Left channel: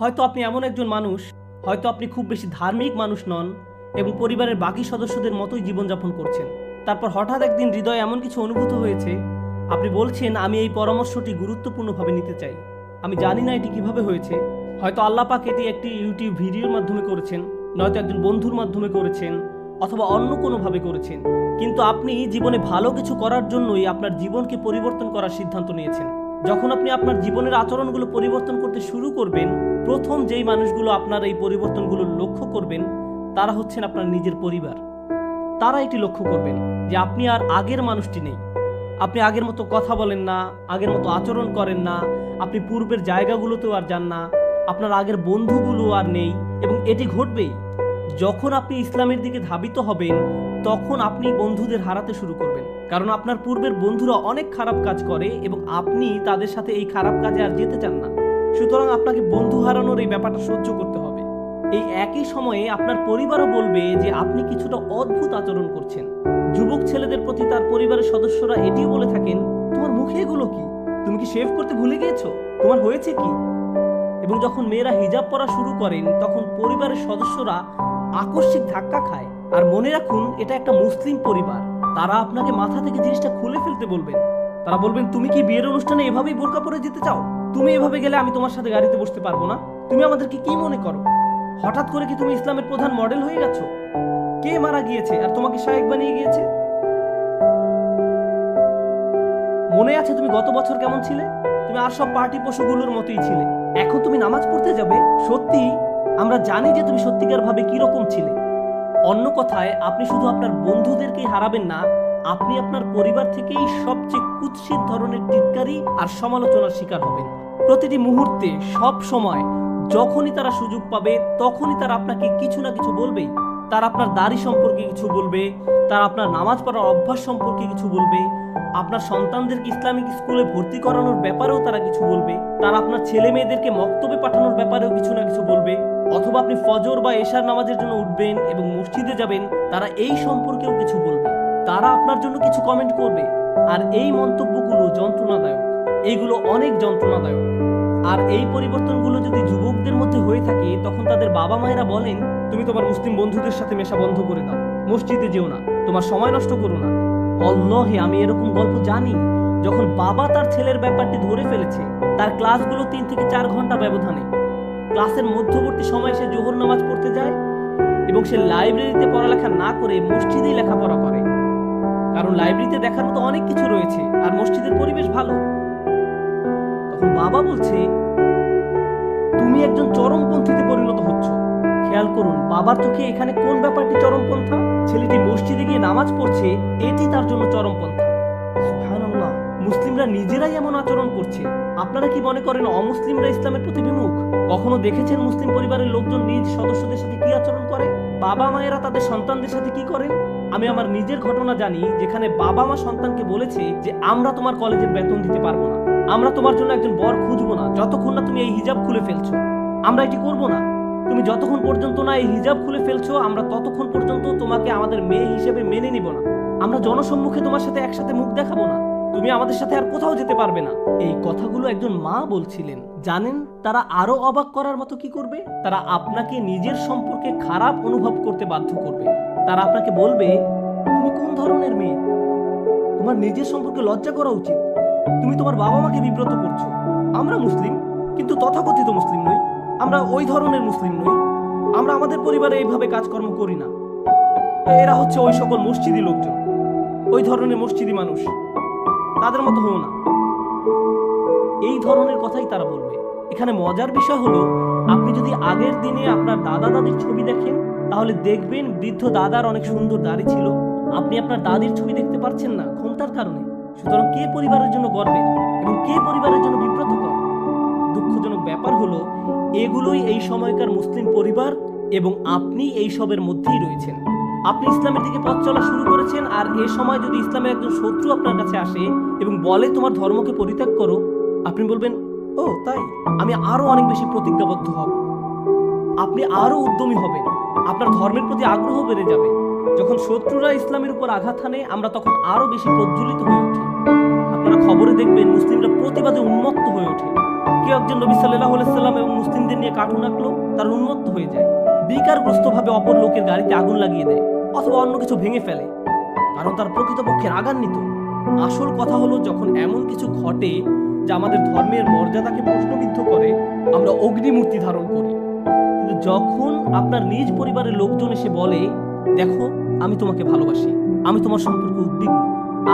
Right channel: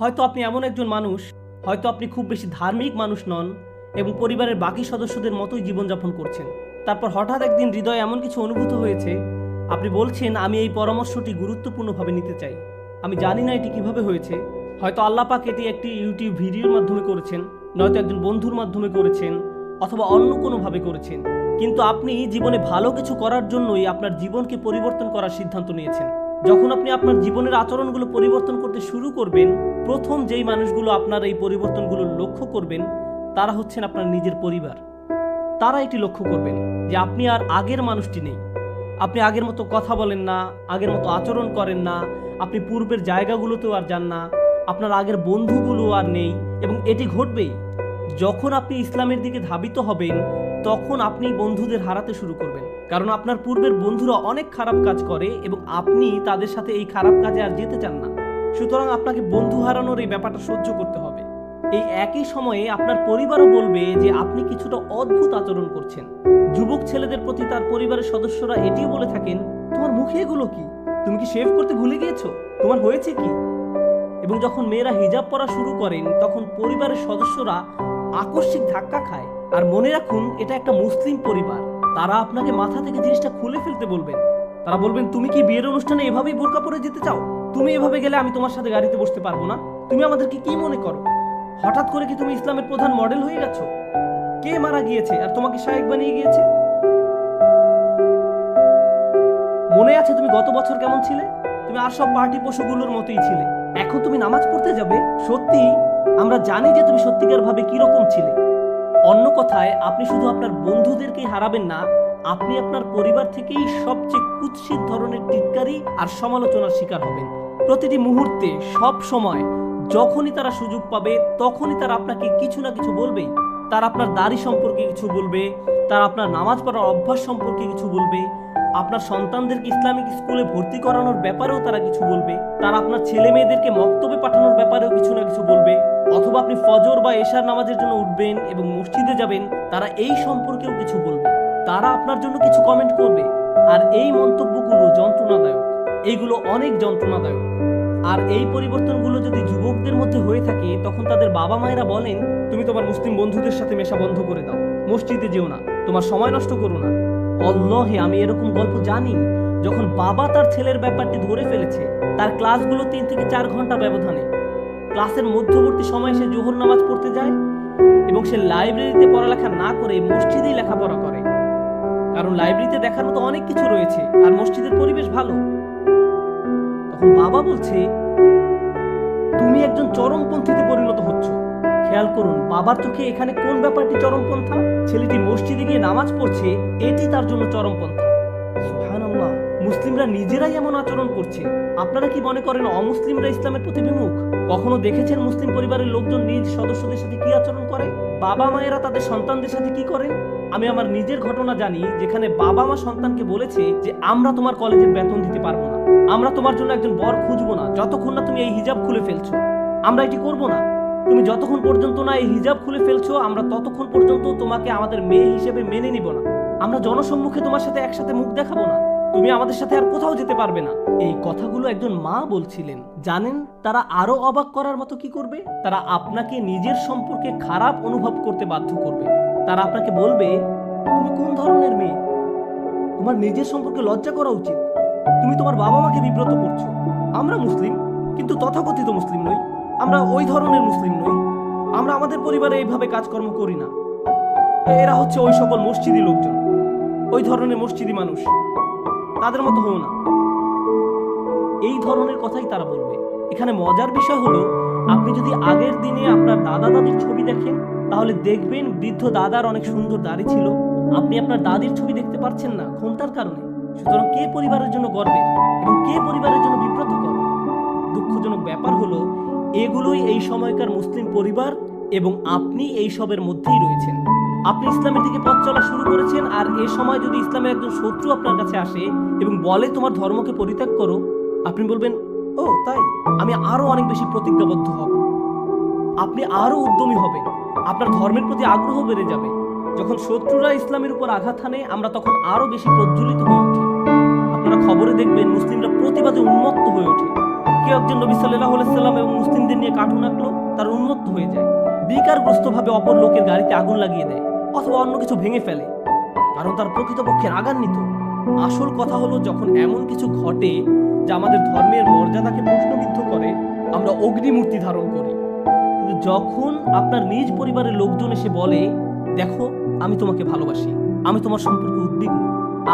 হয়তো আপনি এমন একজন মানুষ, হয়তো আপনি খুব বেশি ধার্মিক মানুষ নন এবং পরিবারের বাকি সদস্যদের মতোই জীবনযাপন করছেন। তারপর হঠাৎ একদিন হৃদয়ে এমন কিছু অনুভূত হয়েছে, আপনি বলছেন আমি এই পরামর্শটি গুরুত্বপূর্ণভাবে নিতে চাই। আমি জানি না এটি কিভাবে হয়েছে। হয়তো আল্লাহ পাক এটি একটি ইউটিউব ভিডিওর মাধ্যমে করেছেন, নয়তো একজন বন্ধুর মাধ্যমে করেছেন, অথবা অন্য কোনোভাবে করেছেন। কিন্তু আপনি জীবনে ভালো কিছু করার জন্যই আপনার জীবনকে পরিবর্তন করার সিদ্ধান্ত নিয়েছেন। যখন আপনি আপনার জীবনের আচরণগুলো পরিবর্তন করতে শুরু করবেন, প্রথম যেই মানুষগুলো আপনার এই পরিবর্তনগুলো লক্ষ্য করবেন তারা হচ্ছেন আপনার নিজের পরিবার। তারা এটি লক্ষ্য করবেন যে আপনি আর আগের মানুষটি নেই। আপনি আগের মতো কথা বলেন না, আগের মতো আচরণ করেন না, আপনি পূর্বের জায়গাগুলোতেও আর যান না, আপনার আগের বন্ধুগুলো আর নেই। এবং এটি ঘটবেই যখন আপনি ইসলামের দিকে ধাবিত হবেন, তখন আপনি বন্ধুদের হারাতে শুরু করবেন। কারণ আপনার পূর্বের বন্ধুরা অনেক খারাপ কাজ করে এবং আপনি তাদের সাথে এই খারাপ কাজে আর যেতে চান না। সুতরাং আপনাকে বন্ধু হারানোর এই ব্যাপারটা সহ্য করতে হবে। এই একই সময়ে আপনার পরিবারও বলবে যে আপনি কিছুটা অদ্ভুত আচরণ করছেন। যুবক ছেলেদের প্রতি তার পরিবারের সদস্যরা এটিও বলে থাকেন, তোমার মুখে এগুলো কি? তুমি কি শেভ করতে ভুলে গিয়েছো? তোমার হয়েছে কি? এবং যখন মেয়েরা হিজাব পরা শুরু করেন, তখন পরিবারের সদস্যরা আকস্মিক ধাক্কা খায়। আর মনে রাখুন, এটা একটা মুসলিম পরিবার। তারা আপনাকে মাথা থেকে জিনিসটা খুলে ফেলতে বলবেন। তারা বলবেন, তুমি কি বিয়ের অনুষ্ঠানে এভাবেই বোরকা পরে যেতে চাও? তুমি এভাবে গেলে আমি তোমার সাথে গাড়িতে বসতে পারবো না। তুমি আমাদেরকে কি মনে করো? হঠাৎ করে কি তুমি ইসলামের প্রধান মডেল হয়ে গেছো? কে মারা গিয়েছে আর তোমাকে শায়েখ বানিয়ে গিয়েছে? মনে আছে তুমি গত বছর কেমন ছিলে? তুমি আর সব পার্টি পশুগুলোর মতোই ছিলে। এখন তুমি নামাজ পড়তে যাবে? সত্যি আমরা জানি যে তুমি সত্যিকার ভাবে কিরকম ছিলে। অন্য কথায়, আপনি শুধু আপনার বন্ধুদেরকেই হারাবেন না, আপনি আপনার পরিবার থেকেই সবচেয়ে কুৎসিত ধরনের টিটকারি আর সমালোচনার শিকার হবেন। প্রতিটি মুহূর্তে, সব সময়, যখনই তারা সুযোগ পাবে তখনই তারা আপনাকে কিছু না কিছু বলবেই। তারা আপনার দাড়ি সম্পর্কে কিছু বলবে, তারা আপনার নামাজ পড়ার অভ্যাস সম্পর্কে কিছু বলবে, আপনার সন্তানদেরকে ইসলামিক স্কুলে ভর্তি করানোর ব্যাপারেও তারা কিছু বলবে, তারা আপনার ছেলে মেয়েদেরকে মক্তবে পাঠানোর ব্যাপারেও কিছু না কিছু বলবে। অথবা আপনি ফজর বা এশার নামাজের জন্য উঠবেন এবং মসজিদে যাবেন, তারা এই সম্পর্কেও কিছু বলবে। তারা আপনার জন্য কিছু কমেন্ট করবে। আর এই মন্তব্যগুলো যন্ত্রণাদায়ক, এইগুলো অনেক যন্ত্রণাদায়ক। আর এই পরিবর্তনগুলো যদি যুবকদের মধ্যে হয়ে থাকে, তখন তাদের বাবা মায়েরা বলেন, তুমি তোমার মুসলিম বন্ধুদের সাথে মেশা বন্ধ করে দাও, মসজিদে যেও না, তোমার সময় নষ্ট করো না। আল্লাহে, আমি এরকম গল্প জানি যখন বাবা তার ছেলের ব্যাপারটি ধরে ফেলেছে। তার ক্লাসগুলো 3 থেকে 4 ঘন্টা ব্যবধানে, ক্লাসের মধ্যবর্তী সময় সে জোহর নামাজ পড়তে যায় এবং সে লাইব্রেরিতে পড়ালেখা না করে মসজিদেই লেখাপড়া করে। কারণ লাইব্রেরিতে দেখার মতো অনেক কিছু রয়েছে আর মসজিদের পরিবেশ ভালো। তখন বাবা বলছে, তুমি একজন চরমপন্থীতে পরিণত হচ্ছ। খেয়াল করুন, বাবার চোখে এখানে কোন ব্যাপারটি চরমপন্থা? ছেলেটি মসজিদে গিয়ে নামাজ পড়ছে, এটি তার জন্য চরমপন্থা। সুবহানাল্লাহ, মুসলিমরা নিজেরাই এমন আচরণ করছে। আপনারা কি মনে করেন অমুসলিমরা ইসলামের প্রতি বিমুখ? কখনো দেখেছেন মুসলিম পরিবারের লোকজন নিজ সদস্যদের সাথে কি আচরণ করে? বাবা মায়েরা তাদের সন্তানদের সাথে কি করেন? আমি আমার নিজের ঘটনা জানি, যেখানে বাবা মা সন্তানকে বলেছে যে আমরা তোমার কলেজের বেতন দিতে পারবো না, আমরা তোমার জন্য একজন বর খুঁজবো না যতক্ষণ না তুমি এই হিজাব খুলে ফেলছো, আমরা এটি করবো না, তুমি যতক্ষণ পর্যন্ত না এই হিজাব খুলে ফেলছো আমরা ততক্ষণ পর্যন্ত তোমাকে আমাদের মেয়ে হিসেবে মেনে নিব না, আমরা জনসম্মুখে তোমার সাথে একসাথে মুখ দেখাবো না, তুমি আমাদের সাথে আর কোথাও যেতে পারবে না। এই কথাগুলো একজন মা বলছিলেন। জানেন তারা আরো অবাক করার মতো কি করবে? তারা আপনাকে নিজের সম্পর্কে খারাপ অনুভব করতে বাধ্য করবে। তারা আপনাকে বলবে, তুমি কোন ধরনের মেয়ে? তোমার নিজের সম্পর্কে লজ্জা করা উচিত। তুমি তোমার বাবা মাকে বিব্রত করছো। আমরা মুসলিম, কিন্তু তথাকথিত মুসলিম নই, আমরা ওই ধরনের মুসলিম নই, আমরা আমাদের পরিবারে এইভাবে কাজকর্ম করি না। এরা হচ্ছে ওই সকল মসজিদি লোকজন, ওই ধরনের মসজিদি মানুষ, তাদের মতো হও না। এই ধরনের কথাই তারা বলবে। এখানে মজার বিষয় হলো, আপনি যদি আগের দিনে আপনার দাদা দাদির ছবি দেখেন, তাহলে দেখবেন বৃদ্ধ দাদার অনেক সুন্দর দাড়ি ছিল। আপনি আপনার দাদির ছবি দেখতে পারছেন না ক্ষমতার কারণে। সুতরাং কে পরিবারের জন্য গর্বের এবং কে পরিবারের জন্য বিব্রতকর? দুঃখজনক ব্যাপার হলো, এগুলোই এই সময়কার মুসলিম পরিবার এবং আপনি এই সবের মধ্যেই রয়েছেন। আপনি ইসলামের দিকে পথ চলা শুরু করেছেন, আর এ সময় যদি ইসলামের একজন শত্রু আপনার কাছে আসে এবং বলে তোমার ধর্মকে পরিত্যাগ করো, আপনি বলবেন, ও তাই, আমি আরো অনেক বেশি প্রতিজ্ঞাবদ্ধ হব। আপনি আরো উদ্যমী হবেন, আপনার ধর্মের প্রতি আগ্রহ বেড়ে যাবে। যখন শত্রুরা ইসলামের উপর আঘাত হানে, আমরা তখন আরো বেশি প্রজ্বলিত হয়ে উঠি। আপনারা খবরে দেখবেন মুসলিমরা প্রতিবাদে উন্মত্ত হয়ে ওঠে। কেউ একজন নবী সাল্লাল্লাহু আলাইহি সাল্লাম এবং মুসলিমদের নিয়ে কার্টুন আঁকলো, তার উন্মত্ত হয়ে যায়, বিকারগ্রস্তভাবে অপর লোকের গাড়িতে আগুন লাগিয়ে দেয় অথবা অন্য কিছু ভেঙে ফেলে, কারণ তার প্রকৃতপক্ষে রাগান্বিত। আসল কথা হলো, যখন এমন কিছু ঘটে যা আমাদের ধর্মের মর্যাদাকে প্রশ্নবিদ্ধ করে, আমরা অগ্নিমূর্তি ধারণ করি। কিন্তু যখন আপনার নিজ পরিবারের লোকজন এসে বলে, দেখো আমি তোমাকে ভালোবাসি, আমি তোমার সম্পর্কে উদ্বিগ্ন,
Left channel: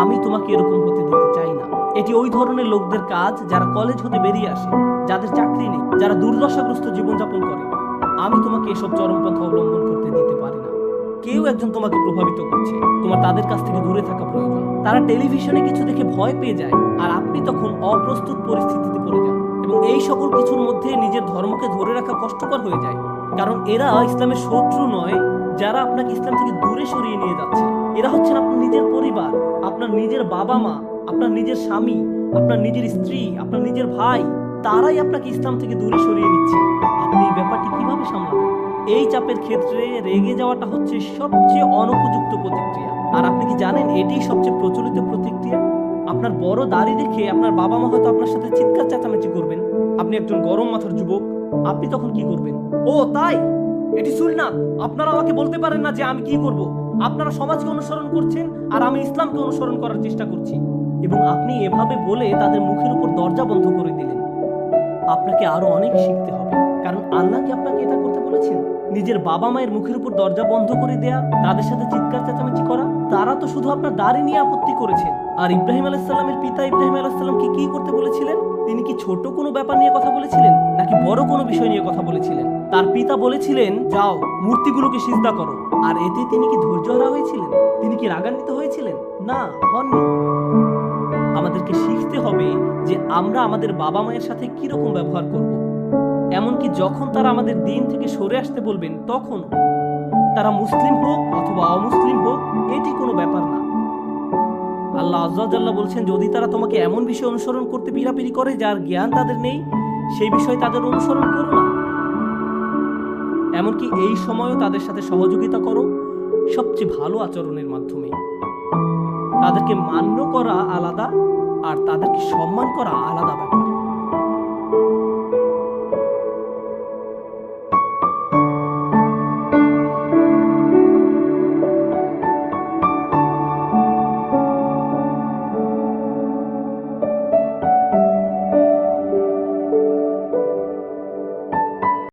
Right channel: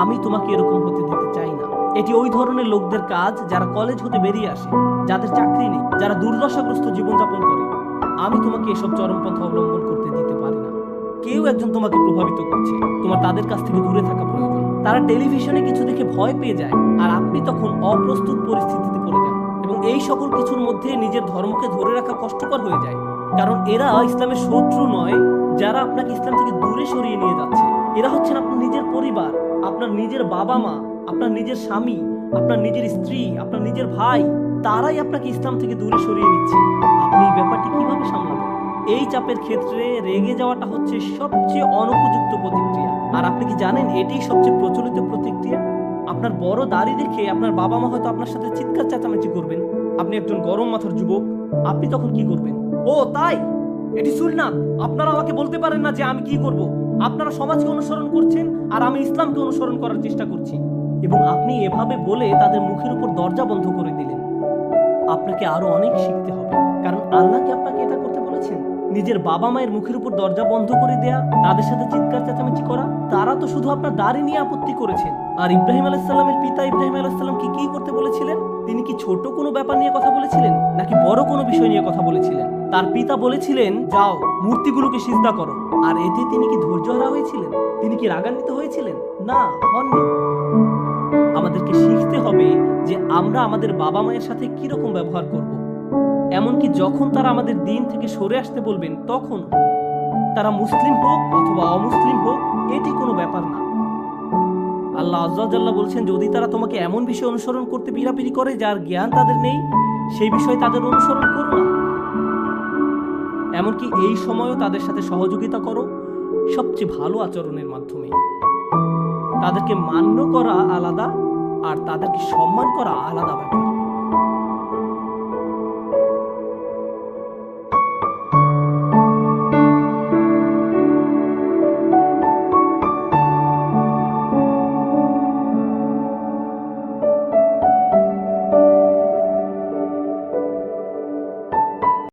আমি তোমাকে এরকম হতে দিতে চাই না, এটি ওই ধরনের লোকদের কাজ যারা কলেজ হতে বেরিয়ে আসে, যাদের চাকরি নেই, যারা দুর্দশাগ্রস্ত জীবনযাপন করে। আমি তোমাকে এসব চরমপন্থা অবলম্বন করতে দিতে পারি না। কেউ একজন তোমাকে প্রভাবিত করছে, তোমার তাদের কাছ থেকে দূরে থাকা প্রয়োজন। তারা টেলিভিশনে কিছু দেখে ভয় পেয়ে যায়, আর আপনি তখন অপ্রস্তুত পরিস্থিতিতে পড়ে যান, এবং এই সকল কিছুর মধ্যে নিজের ধর্মকে ধরে রাখা কষ্টকর হয়ে যায়। কারণ এরা ইসলামের শত্রু নয়, যারা আপনাকে ইসলাম থেকে দূরে সরিয়ে নিয়ে যাচ্ছে। এরা হচ্ছেন আপনার নিজের পরিবার, আপনার নিজের বাবা মা, আপনার নিজের স্বামী, আপনার নিজের স্ত্রী, আপনার নিজের ভাই। তারাই আপনাকে ইসলাম থেকে দূরে সরিয়ে নিচ্ছে। আপনি এই ব্যাপারটি কিভাবে সামলাবেন? এই চাপের ক্ষেত্রে রেগে যাওয়াটা হচ্ছে সবচেয়ে অনুপযুক্ত প্রতিক্রিয়া। আর আপনি কি জানেন এটিই সবচেয়ে প্রচলিত প্রতিক্রিয়া? আপনার বড় দাড়ি দেখে আপনার বাবা মা হয়তো আপনার সাথে চিৎকার চেঁচামেচি করবেন। আপনি একজন গরম মাথার যুবক, আপনি তখন কি করবেন? ও তাই, এটি সুন্নাত, আপনারা আমাকে বলতে পারেন না যে আমি কি করব। আপনারা সমাজকে অনুসরণ করছেন আর আমি ইসলামকে অনুসরণ করার চেষ্টা করছি। এবং আপনি এভাবে বলে তাদের মুখের উপর দরজা বন্ধ করে দিলেন। আপনাকে আরো অনেক শিখতে হবে, কারণ আল্লাহ কি আপনাকে এটা করতে বলেছেন? নিজের বাবা মায়ের মুখের উপর দরজা বন্ধ করে দেয়া, তাদের সাথে চিৎকার চেঁচামেচি করা? তারা তো শুধু আপনার দাড়ি নিয়ে আপত্তি করেছেন। আর ইব্রাহিম আলাইহিস সালামের পিতা ইব্রাহিম আলাইহিস সালামকে কি করতে বলেছিলেন? তিনি কি ছোট কোনো ব্যাপার নিয়ে কথা বলেছিলেন, নাকি বড় কোনো বিষয় নিয়ে কথা বলেছিলেন? তার পিতা বলেছিলেন, যাও মূর্তিগুলোকে সিজদা করো। আর এতে তিনি কি ধৈর্যহারা হয়েছিলেন? তিনি কি রাগান্বিত হয়েছিলেন? না, হননি। আমাদেরকে শিখতে হবে যে আমরা আমাদের বাবা মায়ের সাথে কিরকম ব্যবহার করব। এমনকি যখন তারা আমাদের দিন থেকে সরে আসতে বলবেন, তখনও। তারা মুসলিম হোক অথবা অমুসলিম হোক, এটি কোনো ব্যাপার না। আল্লাহ আজ্জা ওয়া জাল্লা বলছেন, যদি তারা তোমাকে এমন বিষয় অনুসরণ করতে পিড়াপিড়ি করে যার জ্ঞান তাদের নেই, সেই বিষয় তাদের অনুসরণ করো না। এমনকি এই সময়ও তাদের সাথে সহযোগিতা করো সবচেয়ে ভালো আচরণের মাধ্যমে। তাদেরকে মান্য করা আলাদা, আর তাদেরকে সম্মান করা আলাদা ব্যাপার।